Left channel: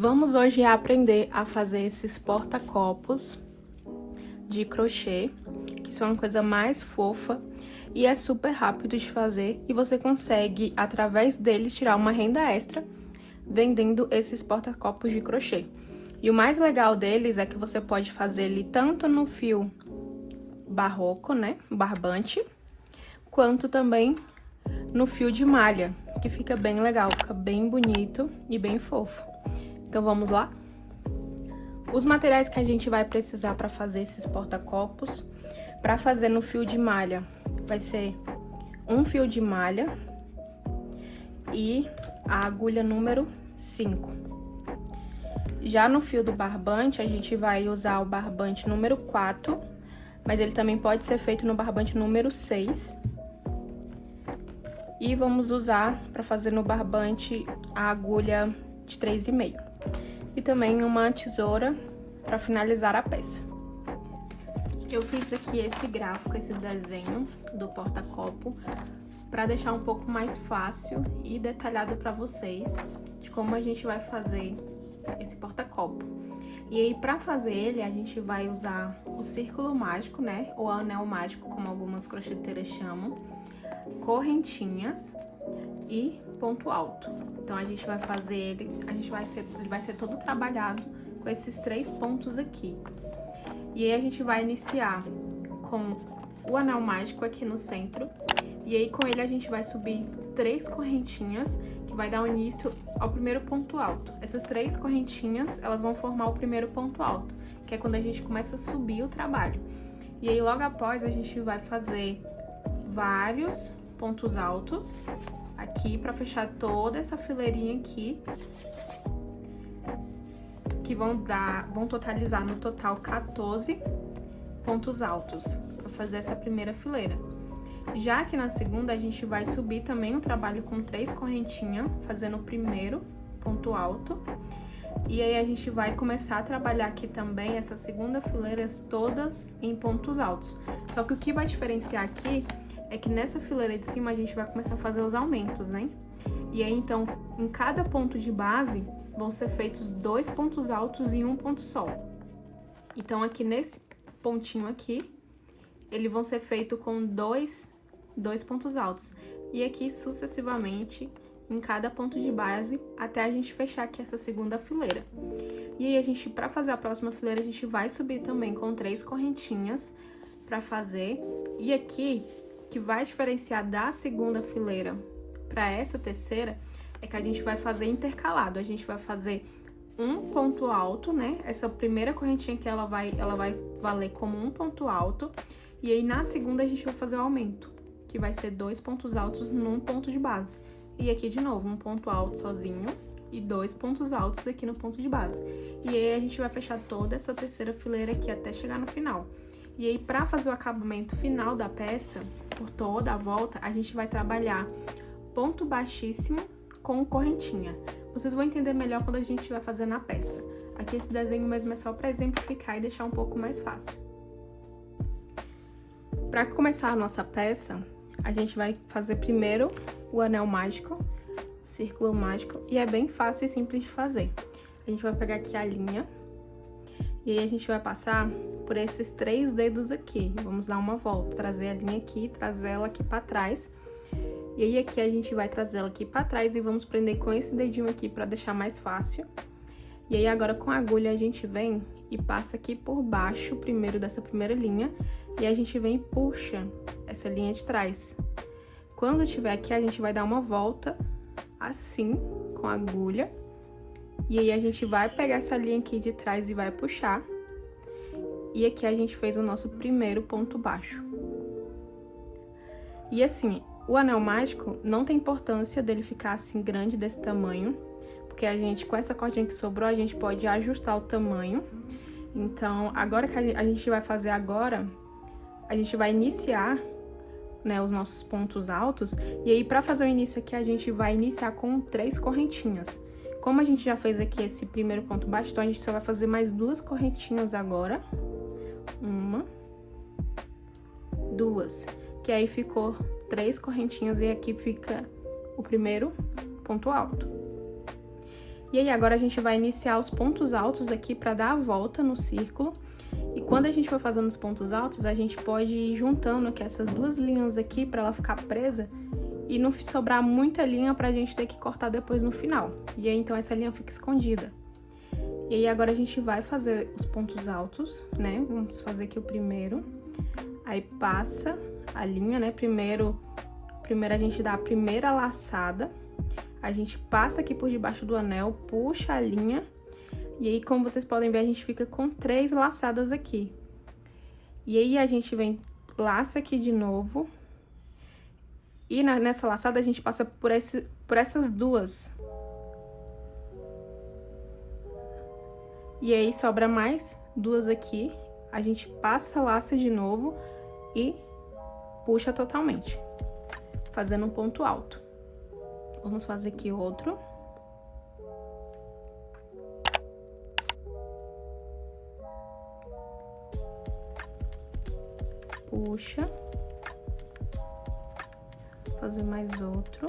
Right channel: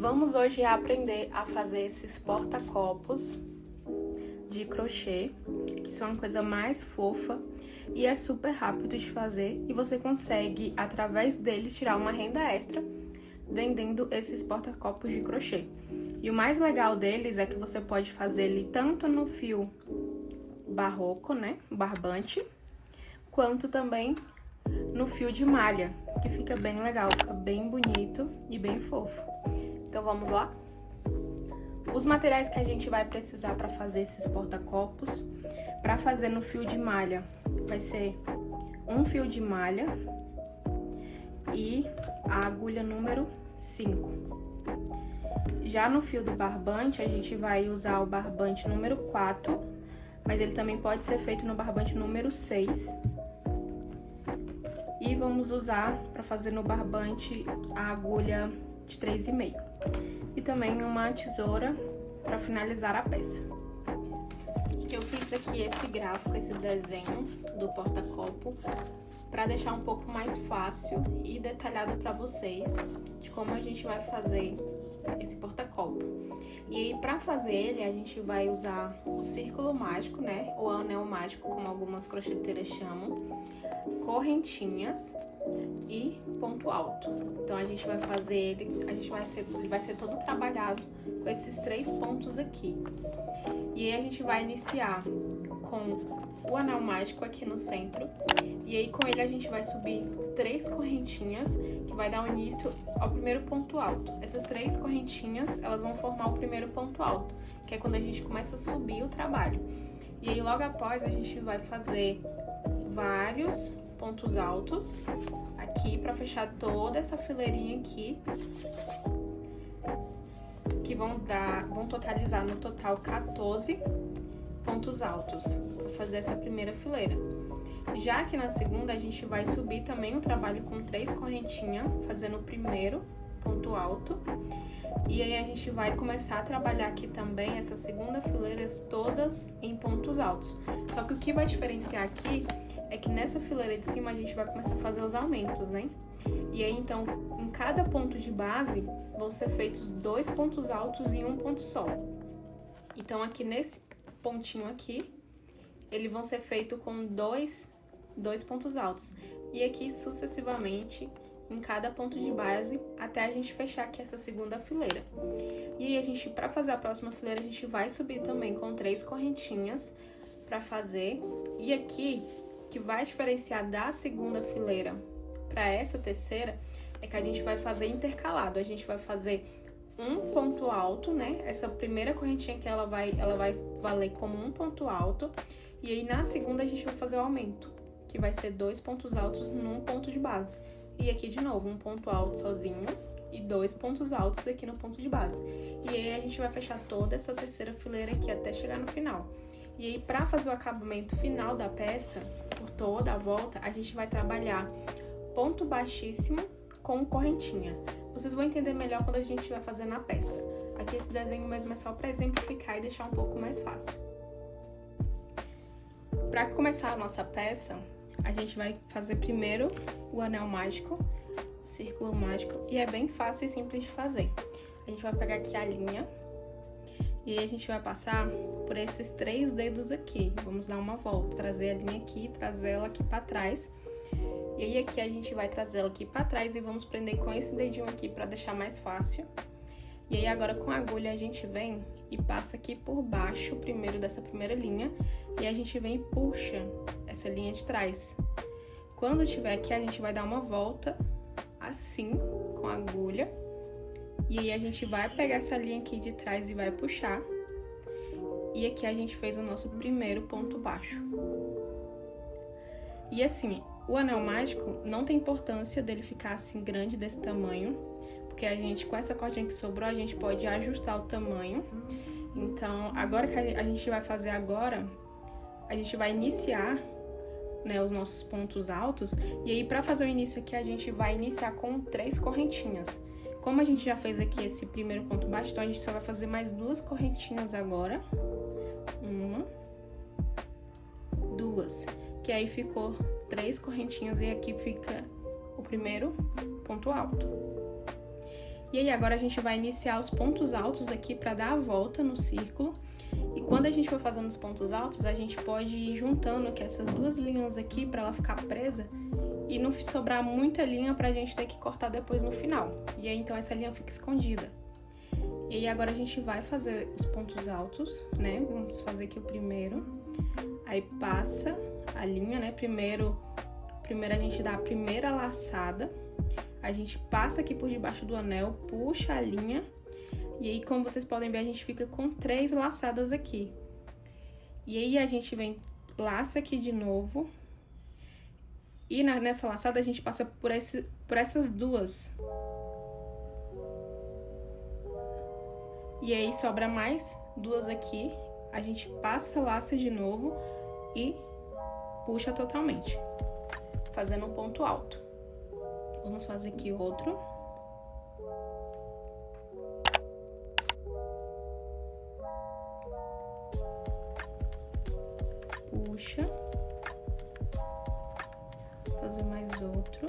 Vamos hoje aprender a fazer esses porta-copos de crochê, que são uma coisa mais fofa e é super rápido de fazer e você consegue, através deles, tirar uma renda extra vendendo esses porta-copos de crochê. E o mais legal deles é que você pode fazer ele tanto no fio barroco, né, barbante, quanto também no fio de malha, que fica bem legal, fica bem bonito e bem fofo. Então vamos lá? Os materiais que a gente vai precisar para fazer esses porta-copos, para fazer no fio de malha, vai ser um fio de malha e a agulha número 5. Já no fio do barbante, a gente vai usar o barbante número 4, mas ele também pode ser feito no barbante número 6. E vamos usar para fazer no barbante a agulha de 3,5. E também uma tesoura para finalizar a peça. Eu fiz aqui esse gráfico, esse desenho do porta-copo, para deixar um pouco mais fácil e detalhado para vocês de como a gente vai fazer esse porta-copo. E aí, para fazer ele, a gente vai usar o círculo mágico, né? Ou anel mágico, como algumas crocheteiras chamam, correntinhas e ponto alto. Então a gente vai fazer ele, ele vai ser todo trabalhado com esses 3 pontos aqui. E aí a gente vai iniciar com o anel mágico aqui no centro. E aí com ele a gente vai subir 3 correntinhas, que vai dar início ao primeiro ponto alto. Essas 3 correntinhas, elas vão formar o primeiro ponto alto, que é quando a gente começa a subir o trabalho. E aí logo após a gente vai fazer vários pontos altos aqui para fechar toda essa fileirinha aqui, que vão totalizar no total 14 pontos altos para fazer essa primeira fileira. Já que na segunda a gente vai subir também o trabalho com 3 correntinhas, fazendo o primeiro ponto alto. E aí a gente vai começar a trabalhar aqui também essa segunda fileira todas em pontos altos. Só que o que vai diferenciar aqui é que nessa fileira de cima a gente vai começar a fazer os aumentos, né? E aí, então, em cada ponto de base, vão ser feitos 2 pontos altos e 1 ponto só. Então, aqui nesse pontinho aqui, eles vão ser feitos com dois pontos altos. E aqui, sucessivamente, em cada ponto de base, até a gente fechar aqui essa segunda fileira. E aí, para fazer a próxima fileira, a gente vai subir também com 3 correntinhas para fazer. E aqui, que vai diferenciar da segunda fileira para essa terceira, é que a gente vai fazer intercalado. A gente vai fazer um ponto alto, né? Essa primeira correntinha que ela vai valer como um ponto alto. E aí, na segunda, a gente vai fazer o aumento, que vai ser 2 pontos altos num ponto de base. E aqui, de novo, um ponto alto sozinho e 2 pontos altos aqui no ponto de base. E aí, a gente vai fechar toda essa terceira fileira aqui até chegar no final. E aí, para fazer o acabamento final da peça, por toda a volta, a gente vai trabalhar ponto baixíssimo com correntinha. Vocês vão entender melhor quando a gente vai fazer na peça. Aqui esse desenho mesmo é só para exemplificar e deixar um pouco mais fácil. Para começar a nossa peça, a gente vai fazer primeiro o anel mágico, o círculo mágico, e é bem fácil e simples de fazer. A gente vai pegar aqui a linha, e aí a gente vai passar por esses 3 dedos aqui. Vamos dar uma volta, trazer a linha aqui, trazer ela aqui para trás. E aí aqui a gente vai trazer ela aqui para trás e vamos prender com esse dedinho aqui para deixar mais fácil. E aí agora com a agulha a gente vem e passa aqui por baixo primeiro dessa primeira linha. E a gente vem e puxa essa linha de trás. Quando tiver aqui a gente vai dar uma volta assim com a agulha. E aí a gente vai pegar essa linha aqui de trás e vai puxar. E aqui a gente fez o nosso primeiro ponto baixo. E assim, o anel mágico não tem importância dele ficar assim grande desse tamanho, porque a gente, com essa cordinha que sobrou, a gente pode ajustar o tamanho. Então, agora que a gente vai fazer agora, a gente vai iniciar, né, os nossos pontos altos. E aí, para fazer o início aqui, a gente vai iniciar com 3 correntinhas. Como a gente já fez aqui esse primeiro ponto baixo, então a gente só vai fazer mais 2 correntinhas agora. 1, 2. Que aí ficou 3 correntinhas e aqui fica o primeiro ponto alto. E aí agora a gente vai iniciar os pontos altos aqui para dar a volta no círculo. E quando a gente for fazendo os pontos altos, a gente pode ir juntando aqui essas duas linhas aqui para ela ficar presa e não sobrar muita linha pra gente ter que cortar depois no final. E aí então essa linha fica escondida. E aí agora a gente vai fazer os pontos altos, né? Vamos fazer aqui o primeiro. Aí passa a linha, né? Primeiro a gente dá a primeira laçada. A gente passa aqui por debaixo do anel, puxa a linha. E aí, como vocês podem ver, a gente fica com 3 laçadas aqui. E aí a gente vem, laça aqui de novo. E nessa laçada a gente passa por essas duas. E aí sobra mais 2 aqui. A gente passa, laça de novo e puxa totalmente, fazendo um ponto alto. Vamos fazer aqui outro. Puxa. Fazer mais outro.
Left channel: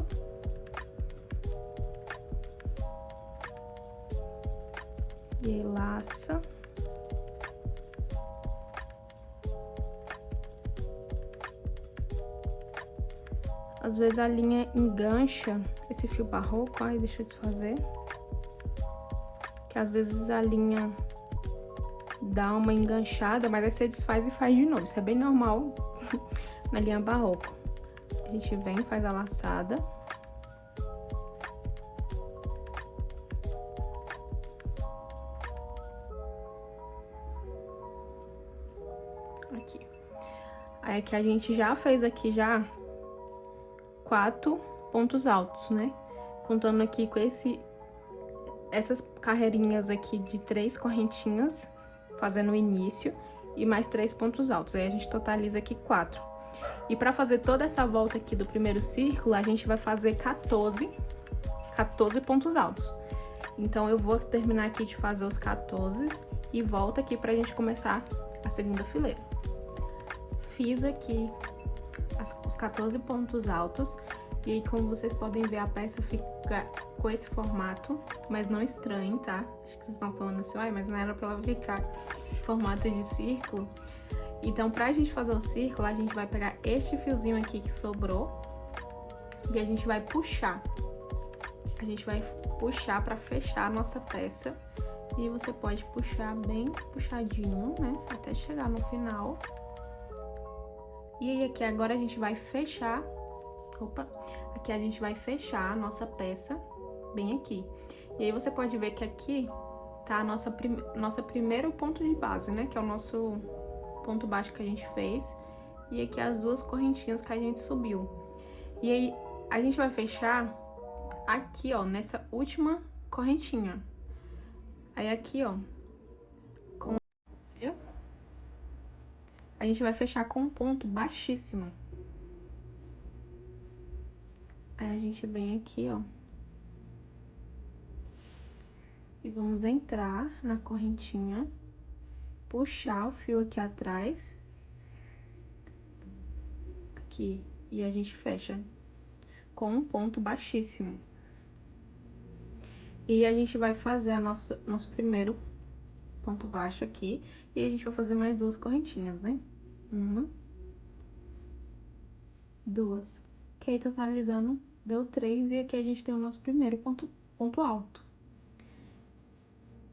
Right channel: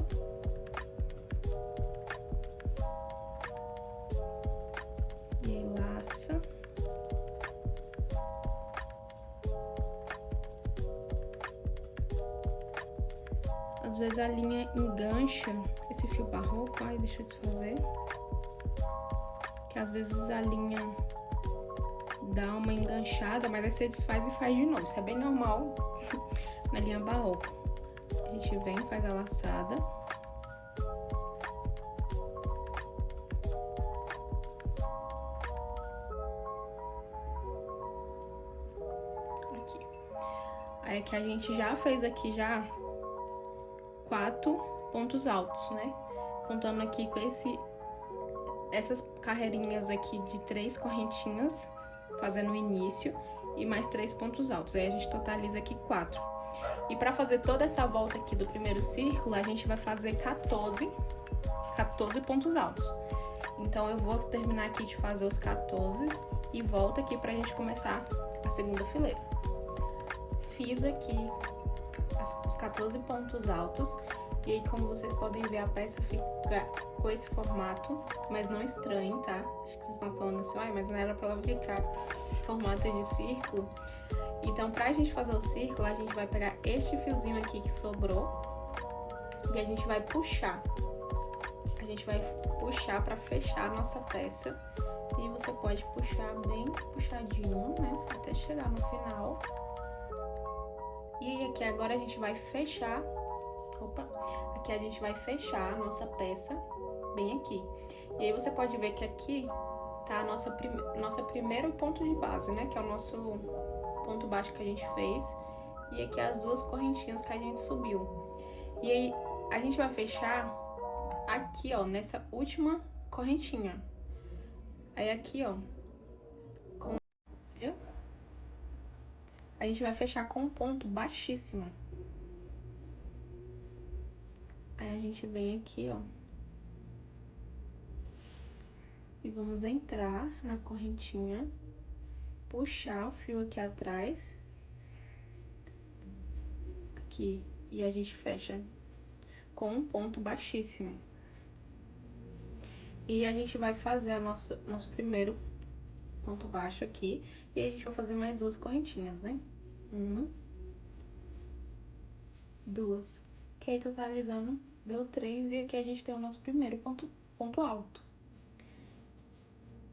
E aí laça. Às vezes a linha engancha esse fio barroco, aí deixa eu desfazer. Que às vezes a linha dá uma enganchada, mas aí você desfaz e faz de novo. Isso é bem normal na linha barroco. A gente vem, faz a laçada. Aqui. Aí aqui a gente já fez aqui já 4 pontos altos, né? Contando aqui com essas carreirinhas aqui de 3 correntinhas, fazendo o início, e mais 3 pontos altos. Aí a gente totaliza aqui 4. E pra fazer toda essa volta aqui do primeiro círculo, a gente vai fazer 14 pontos altos. Então, eu vou terminar aqui de fazer os 14 e volto aqui pra gente começar a segunda fileira. Fiz aqui os 14 pontos altos. E aí, como vocês podem ver, a peça fica com esse formato, mas não estranho, tá? Acho que vocês estão falando assim, mas não era pra ela ficar em formato de círculo. Então, pra gente fazer o círculo, a gente vai pegar este fiozinho aqui que sobrou e a gente vai puxar. A gente vai puxar pra fechar a nossa peça. E você pode puxar bem puxadinho, né? Até chegar no final. E aí, aqui agora a gente vai fechar. Aqui a gente vai fechar a nossa peça bem aqui. E aí você pode ver que aqui tá a nossa primeiro ponto de base, né? Que é o nosso ponto baixo que a gente fez. E aqui as 2 correntinhas que a gente subiu. E aí a gente vai fechar aqui, ó, nessa última correntinha. Aí aqui, ó, viu? A gente vai fechar com um ponto baixíssimo. Aí a gente vem aqui, ó. E vamos entrar na correntinha, puxar o fio aqui atrás. Aqui. E a gente fecha com um ponto baixíssimo. E a gente vai fazer nosso primeiro ponto baixo aqui. E a gente vai fazer mais 2 correntinhas, né? 1, 2. Que aí, totalizando, deu 3. E aqui a gente tem o nosso primeiro ponto alto.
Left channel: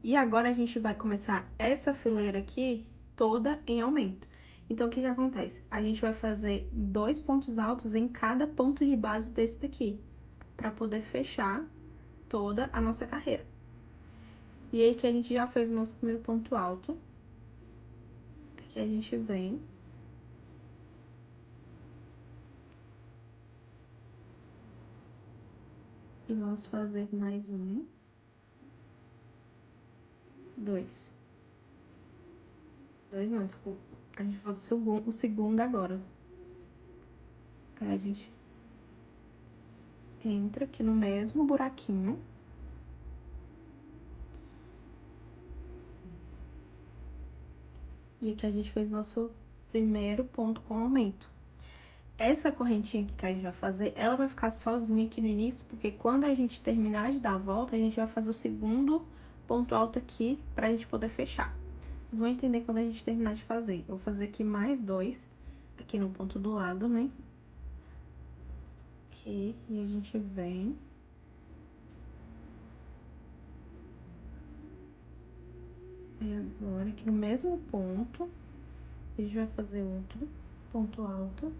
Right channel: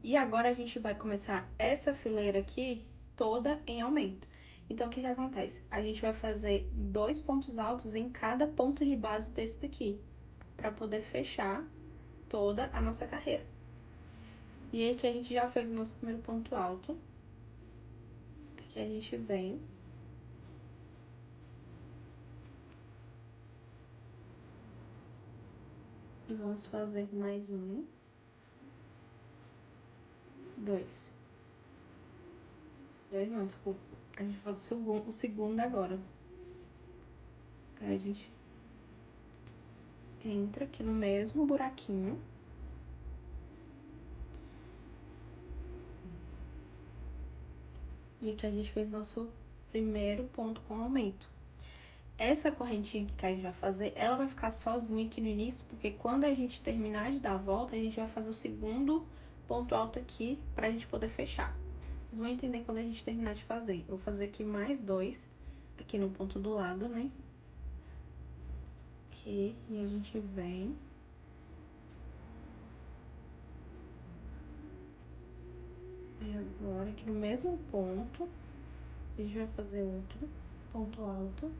E agora a gente vai começar essa fileira aqui toda em aumento. Então, o que acontece? A gente vai fazer 2 pontos altos em cada ponto de base desse daqui, para poder fechar toda a nossa carreira. E aí que a gente já fez o nosso primeiro ponto alto. Aqui a gente vem. E vamos fazer mais 1. 2. 2 não, desculpa. A gente faz o segundo agora. Aí a gente entra aqui no mesmo buraquinho. E aqui a gente fez nosso primeiro ponto com aumento. essa correntinha que a gente vai fazer, ela vai ficar sozinha aqui no início, porque quando a gente terminar de dar a volta, a gente vai fazer o segundo ponto alto aqui pra gente poder fechar. Vocês vão entender quando a gente terminar de fazer. Eu vou fazer aqui mais 2, aqui no ponto do lado, né? Aqui, e a gente vem. E agora, aqui no mesmo ponto, a gente vai fazer outro ponto alto.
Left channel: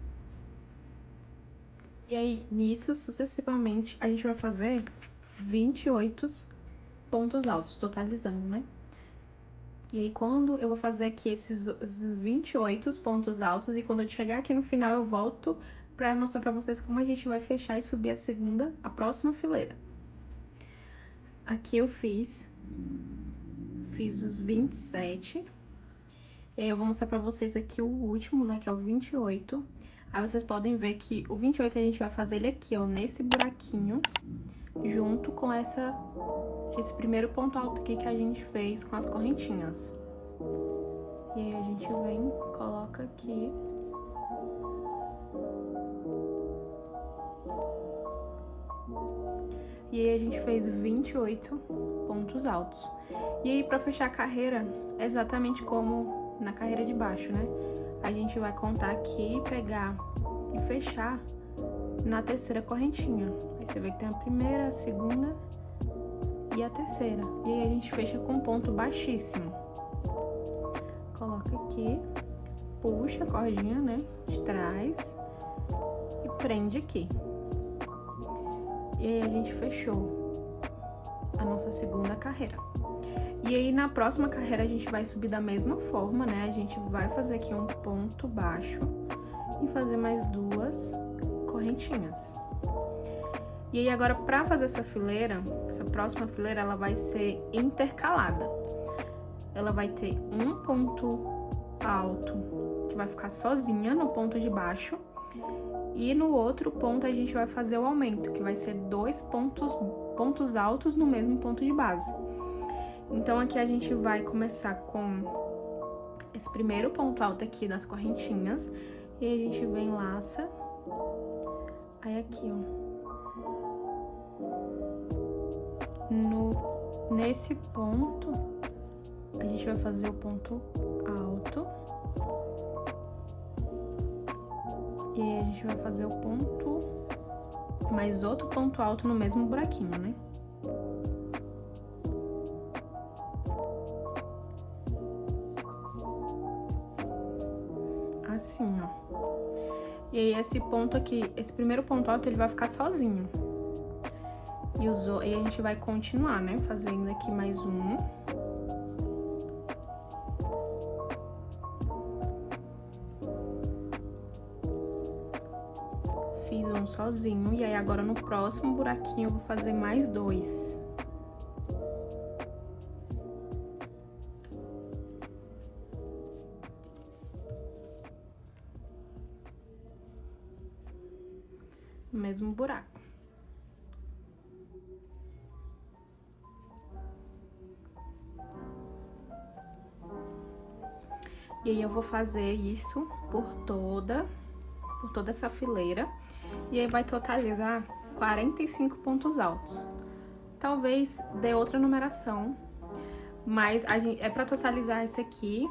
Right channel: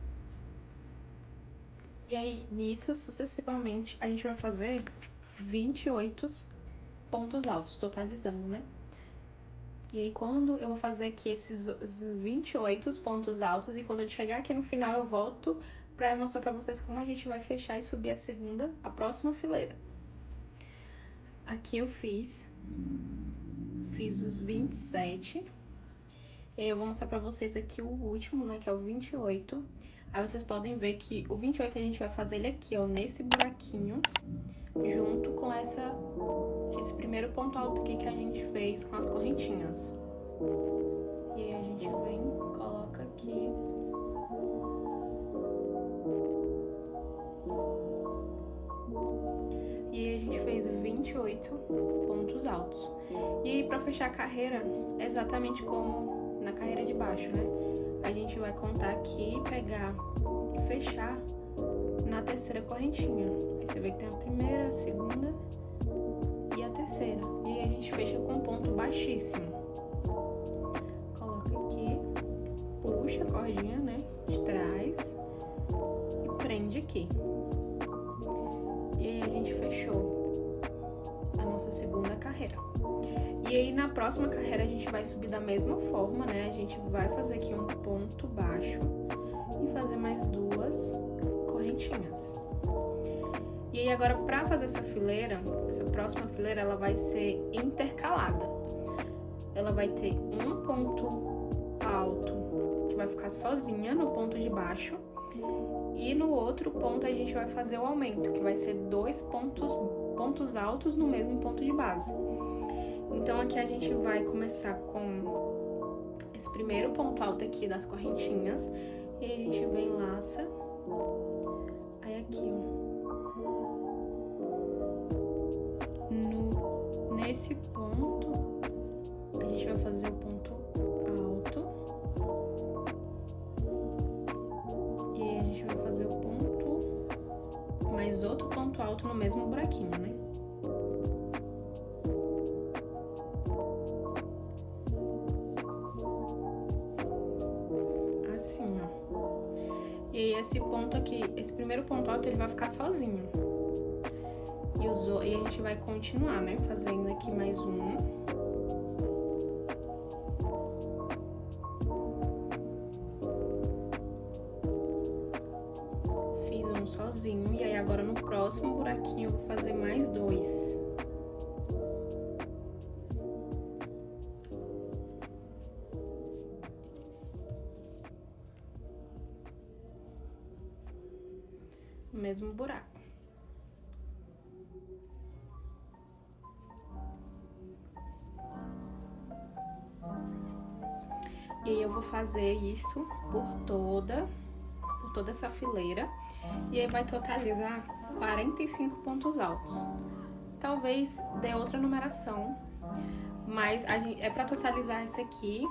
E aí, nisso, sucessivamente, a gente vai fazer 28 pontos altos, totalizando, né? E aí, quando eu vou fazer aqui esses 28 pontos altos, e quando eu chegar aqui no final, eu volto pra mostrar pra vocês como a gente vai fechar e subir a próxima fileira. Aqui eu fiz os 27. E aí eu vou mostrar pra vocês aqui o último, né, que é o 28. Aí vocês podem ver que o 28 a gente vai fazer ele aqui, ó, nesse buraquinho, junto com esse primeiro ponto alto aqui que a gente fez com as correntinhas. E aí a gente vem, coloca aqui. E aí a gente fez 28 pontos altos. E aí pra fechar a carreira, é exatamente como na carreira de baixo, né? A gente vai contar aqui, pegar e fechar na terceira correntinha. Aí você vê que tem a primeira, a segunda e a terceira. E aí a gente fecha com um ponto baixíssimo. Coloca aqui, puxa a cordinha, né, de trás e prende aqui. E aí a gente fechou a nossa segunda carreira. E aí na próxima carreira a gente vai subir da mesma forma, né? A gente vai fazer aqui um ponto baixo e fazer mais 2 correntinhas. E aí agora pra fazer essa fileira, essa próxima fileira, ela vai ser intercalada. Ela vai ter um ponto alto que vai ficar sozinha no ponto de baixo. E no outro ponto a gente vai fazer o aumento, que vai ser 2 pontos altos no mesmo ponto de base. Então aqui a gente vai começar com esse primeiro ponto alto aqui das correntinhas. E aí a gente vem, laça. Aí aqui, ó. Nesse ponto, a gente vai fazer o ponto alto. E aí a gente vai fazer o ponto, mais outro ponto alto no mesmo buraquinho, né? Assim, ó. E aí esse ponto aqui, esse primeiro ponto alto, ele vai ficar sozinho. E a gente vai continuar, né? Fazendo aqui mais um. Fiz um sozinho. E aí agora no próximo buraquinho eu vou fazer mais 2. Mesmo buraco. E aí eu vou fazer isso por toda essa fileira. E aí vai totalizar 45 pontos altos. Talvez dê outra numeração, mas é pra totalizar esse aqui.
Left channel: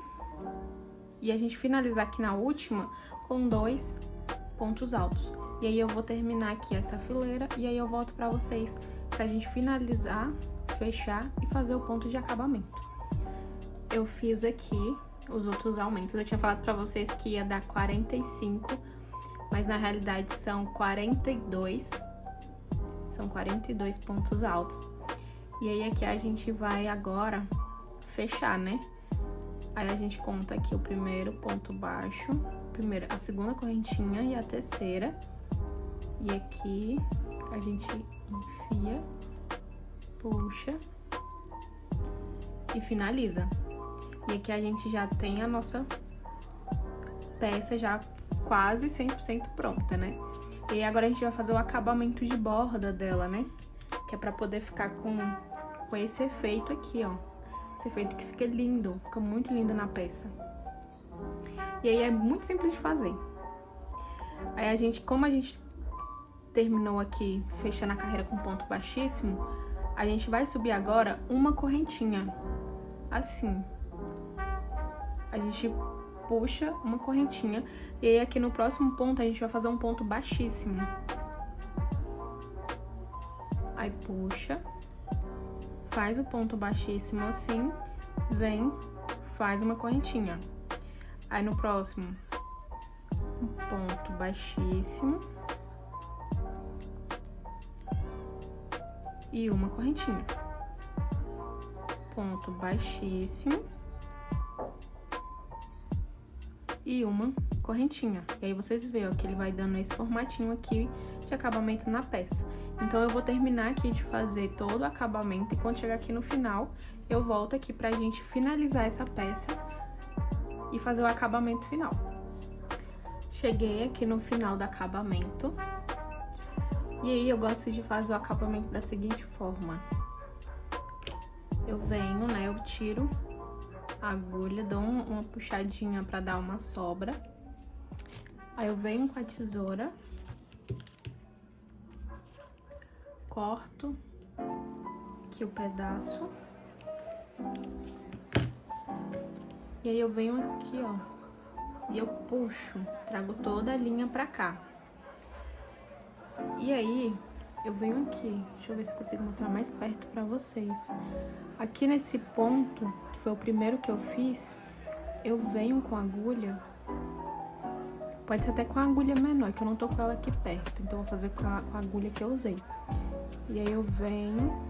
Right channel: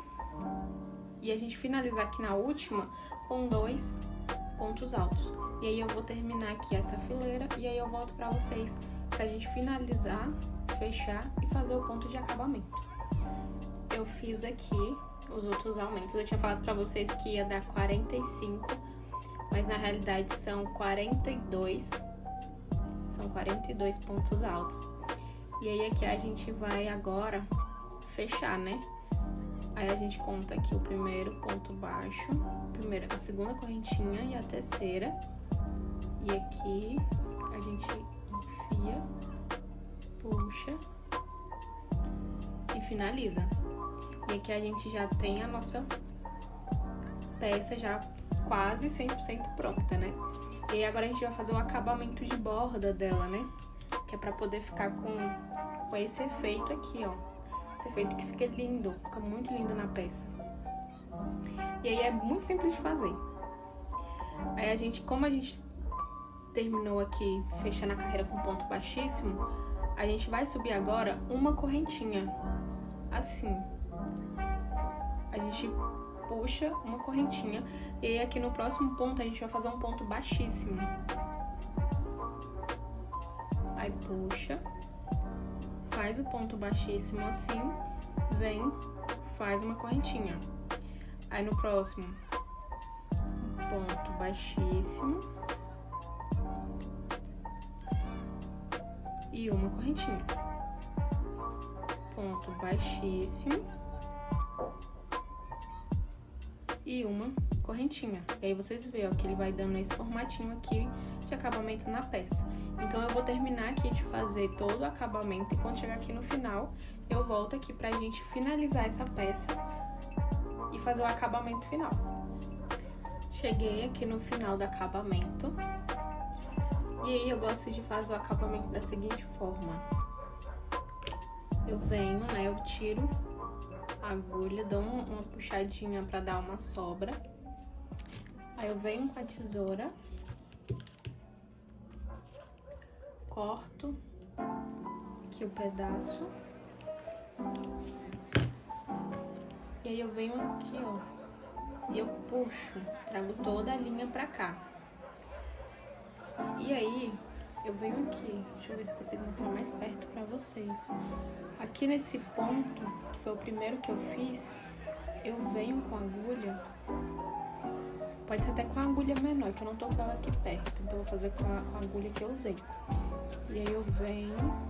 E a gente finalizar aqui na última com 2 pontos altos. E aí eu vou terminar aqui essa fileira e aí eu volto pra vocês pra gente finalizar, fechar e fazer o ponto de acabamento. Eu fiz aqui os outros aumentos. Eu tinha falado pra vocês que ia dar 45, mas na realidade são 42. São 42 pontos altos. E aí aqui a gente vai agora fechar, né? Aí a gente conta aqui o primeiro ponto baixo, a segunda correntinha e a terceira. E aqui a gente enfia, puxa e finaliza. E aqui a gente já tem a nossa peça já quase 100% pronta, né? E agora a gente vai fazer o acabamento de borda dela, né? Que é pra poder ficar com esse efeito aqui, ó. Esse efeito que fica lindo, fica muito lindo na peça. E aí é muito simples de fazer. Aí como a gente terminou aqui fechando a carreira com ponto baixíssimo, a gente vai subir agora uma correntinha, assim. A gente puxa uma correntinha, e aí aqui no próximo ponto a gente vai fazer um ponto baixíssimo. Aí puxa, faz o ponto baixíssimo assim, vem, faz uma correntinha. Aí no próximo, um ponto baixíssimo e uma correntinha. Ponto baixíssimo e uma correntinha. E aí vocês veem, ó, que ele vai dando esse formatinho aqui de acabamento na peça. Então eu vou terminar aqui de fazer todo o acabamento e quando chegar aqui no final, eu volto aqui pra gente finalizar essa peça e fazer o acabamento final. Cheguei aqui no final do acabamento. E aí eu gosto de fazer o acabamento da seguinte forma. Eu venho, né, eu tiro a agulha, dou uma puxadinha pra dar uma sobra. Aí eu venho com a tesoura, corto aqui o pedaço. E aí eu venho aqui, ó, e eu puxo, trago toda a linha pra cá. E aí, eu venho aqui, deixa eu ver se eu consigo mostrar mais perto pra vocês. Aqui nesse ponto, que foi o primeiro que eu fiz, eu venho com a agulha, pode ser até com a agulha menor, que eu não tô com ela aqui perto, então eu vou fazer com a agulha que eu usei. E aí eu venho,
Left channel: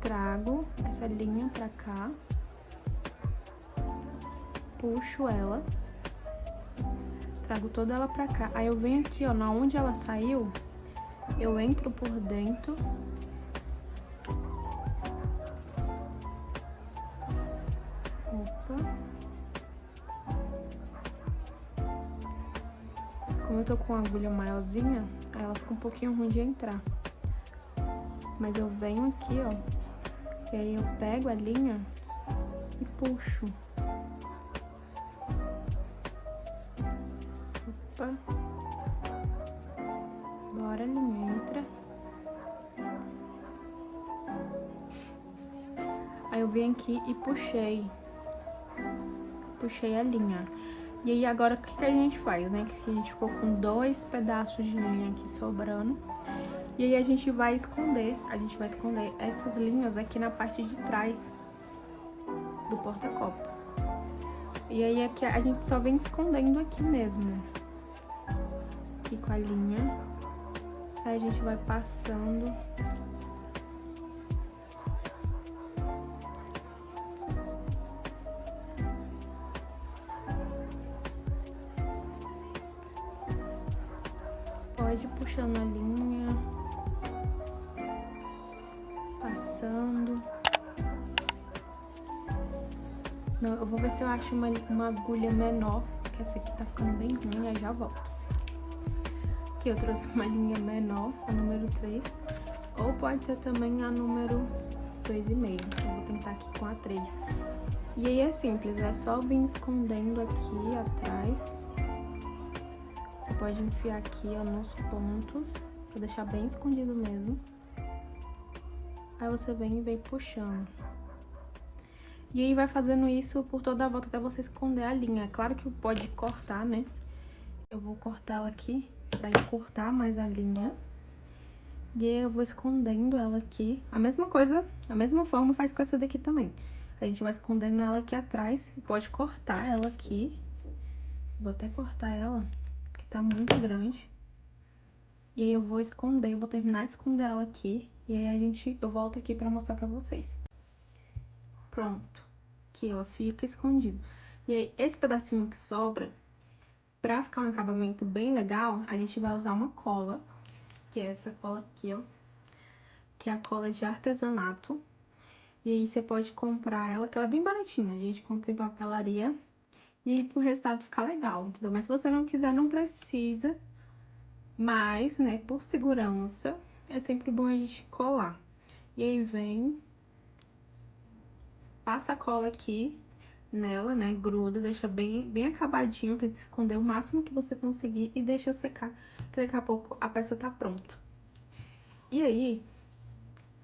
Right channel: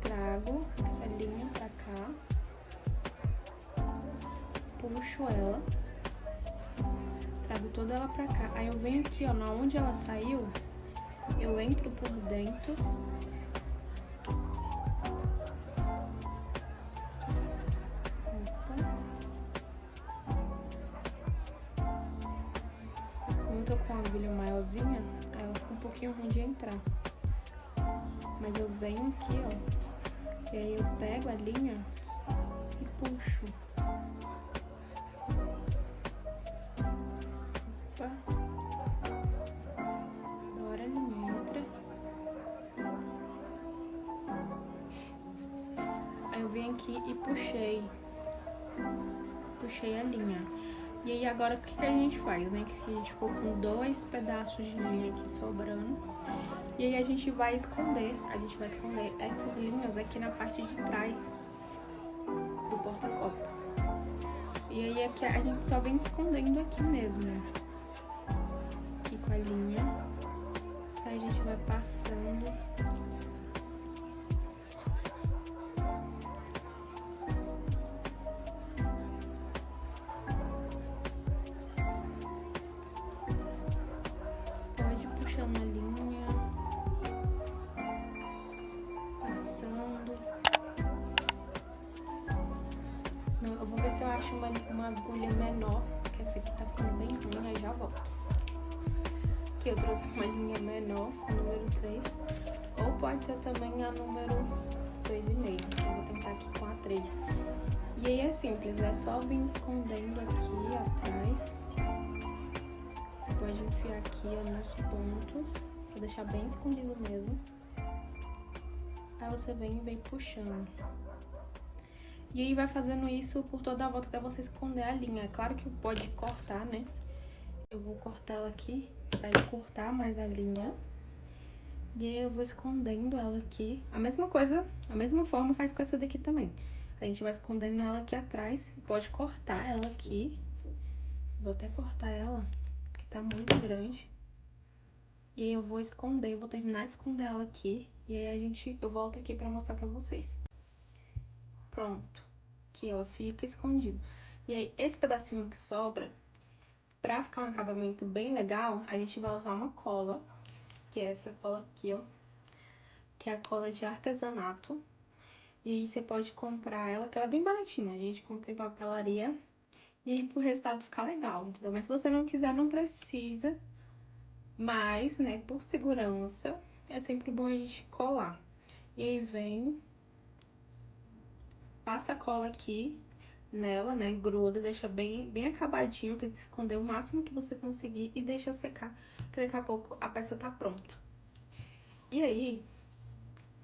trago essa linha pra cá, puxo ela, trago toda ela pra cá. Aí eu venho aqui, ó, na onde ela saiu, eu entro por dentro. Opa. Como eu tô com a agulha maiorzinha, aí ela fica um pouquinho ruim de entrar. Mas eu venho aqui, ó, e aí eu pego a linha e puxo. Opa. Bora, linha, entra. Aí eu venho aqui e puxei a linha. E aí agora o que a gente faz, né? Que a gente ficou com 2 pedaços de linha aqui sobrando. E aí a gente vai esconder essas linhas aqui na parte de trás do porta-copo. E aí aqui a gente só vem escondendo aqui mesmo. Aqui com a linha. Aí a gente vai passando. Pode ir puxando a linha, passando. Não, eu vou ver se eu acho uma agulha menor, porque essa aqui tá ficando bem ruim, aí já volto. Aqui eu trouxe uma linha menor, a número 3, ou pode ser também a número 2,5. Então, vou tentar aqui com a 3. E aí é simples, é só vir escondendo aqui atrás. Você pode enfiar aqui, ó, nos pontos, vou deixar bem escondido mesmo. Aí você vem e vem puxando. E aí vai fazendo isso por toda a volta até você esconder a linha. É claro que pode cortar, né? Eu vou cortar ela aqui, pra cortar mais a linha. E aí eu vou escondendo ela aqui. A mesma coisa, a mesma forma faz com essa daqui também. A gente vai escondendo ela aqui atrás e pode cortar ela aqui. Vou até cortar ela, que tá muito grande. E aí eu vou esconder, eu vou terminar de esconder ela aqui. E aí eu volto aqui pra mostrar pra vocês. Pronto. Aqui, ó, fica escondido. E aí, esse pedacinho que sobra, pra ficar um acabamento bem legal, a gente vai usar uma cola, que é essa cola aqui, ó, que é a cola de artesanato. E aí você pode comprar ela, que ela é bem baratinha, a gente compra em papelaria, e aí pro resultado ficar legal, entendeu? Mas se você não quiser, não precisa, mas, né, por segurança, é sempre bom a gente colar. E aí vem, passa a cola aqui, nela, né? Gruda, deixa bem acabadinho, tenta esconder o máximo que você conseguir e deixa secar, que daqui a pouco a peça tá pronta. E aí,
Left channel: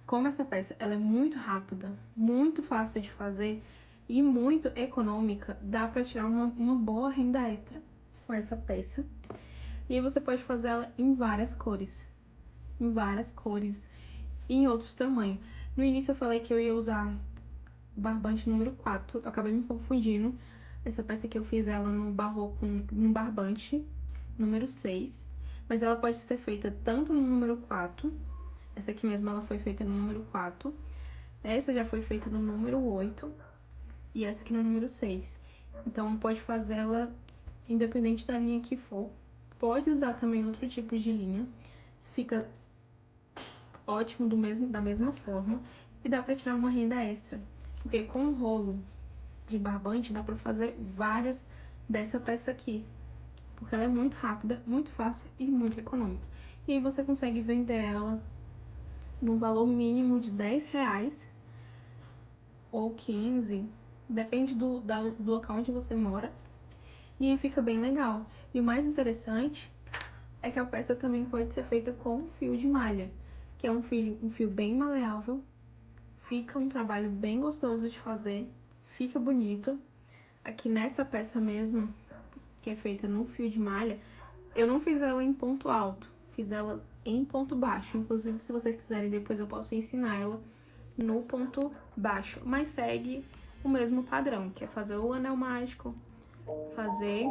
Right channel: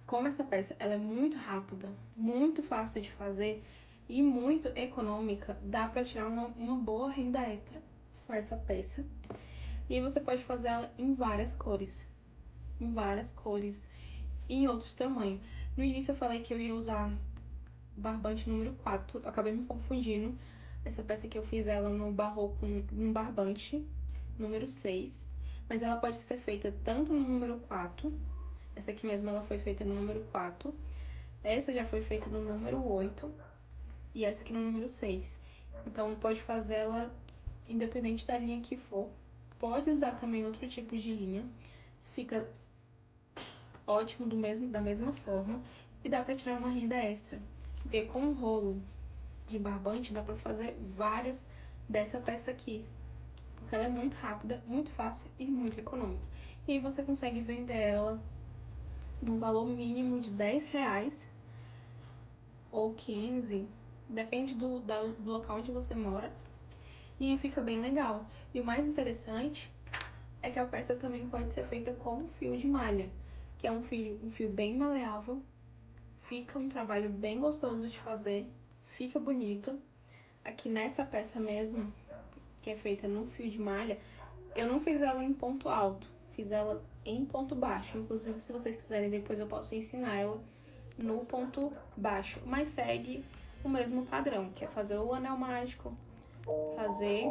como essa peça ela é muito rápida, muito fácil de fazer e muito econômica, dá pra tirar uma boa renda extra com essa peça. E aí você pode fazer ela em várias cores, e em outros tamanhos. No início eu falei que eu ia usar barbante número 4, eu acabei me confundindo. Essa peça aqui eu fiz ela no barroco, num barbante número 6, mas ela pode ser feita tanto no número 4, essa aqui mesmo ela foi feita no número 4, essa já foi feita no número 8 e essa aqui no número 6. Então pode fazer ela independente da linha que for. Pode usar também outro tipo de linha, isso fica ótimo da mesma forma e dá pra tirar uma renda extra. Porque com o rolo de barbante dá pra fazer vários dessa peça aqui. Porque ela é muito rápida, muito fácil e muito econômica. E aí você consegue vender ela no valor mínimo de R$10 ou 15, depende do local onde você mora. E aí fica bem legal. E o mais interessante é que a peça também pode ser feita com fio de malha, que é um fio bem maleável. Fica um trabalho bem gostoso de fazer, fica bonito. Aqui nessa peça mesmo, que é feita no fio de malha, eu não fiz ela em ponto alto, fiz ela em ponto baixo. Inclusive, se vocês quiserem, depois eu posso ensinar ela no ponto baixo. Mas segue o mesmo padrão, que é fazer o anel mágico, fazer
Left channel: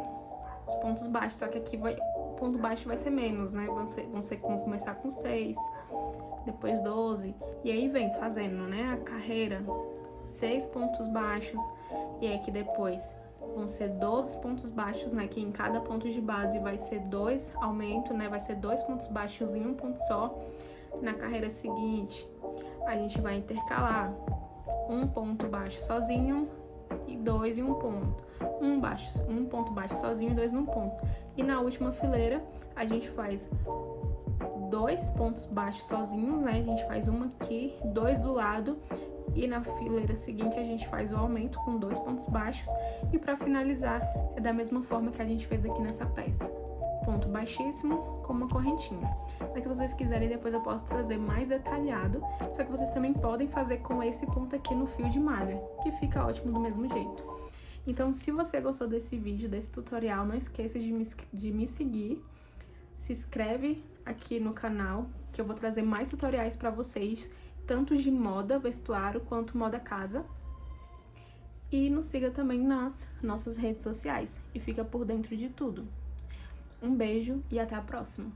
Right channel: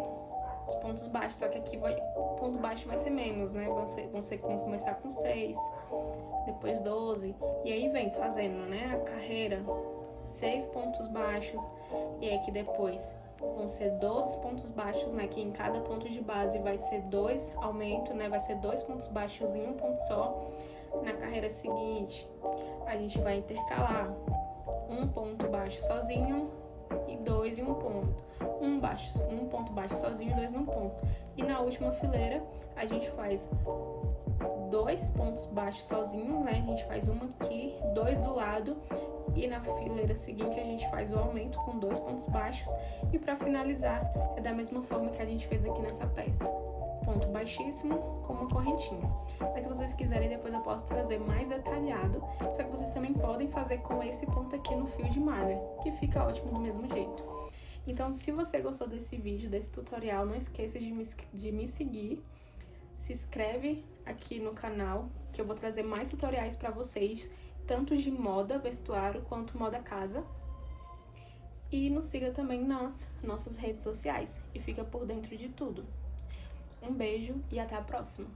os pontos baixos. Só que aqui o ponto baixo vai ser menos, né? Vão começar com 6, depois 12, e aí vem fazendo, né, a carreira, 6 pontos baixos, e aí que depois vão ser 12 pontos baixos, né, que em cada ponto de base vai ser 2 aumento, né, vai ser 2 pontos baixos em um ponto só. Na carreira seguinte, a gente vai intercalar um ponto baixo sozinho e 2 em um ponto, um ponto baixo sozinho e 2 num ponto. E na última fileira, a gente faz 2 pontos baixos sozinhos, né? A gente faz uma aqui, 2 do lado, e na fileira seguinte a gente faz o aumento com 2 pontos baixos. E para finalizar, é da mesma forma que a gente fez aqui nessa peça. Ponto baixíssimo com uma correntinha. Mas se vocês quiserem, depois eu posso trazer mais detalhado. Só que vocês também podem fazer com esse ponto aqui no fio de malha, que fica ótimo do mesmo jeito. Então, se você gostou desse vídeo, desse tutorial, não esqueça de me seguir. Se inscreve aqui no canal, que eu vou trazer mais tutoriais para vocês, tanto de moda, vestuário, quanto moda casa. E nos siga também nas nossas redes sociais e fica por dentro de tudo. Um beijo e até a próxima!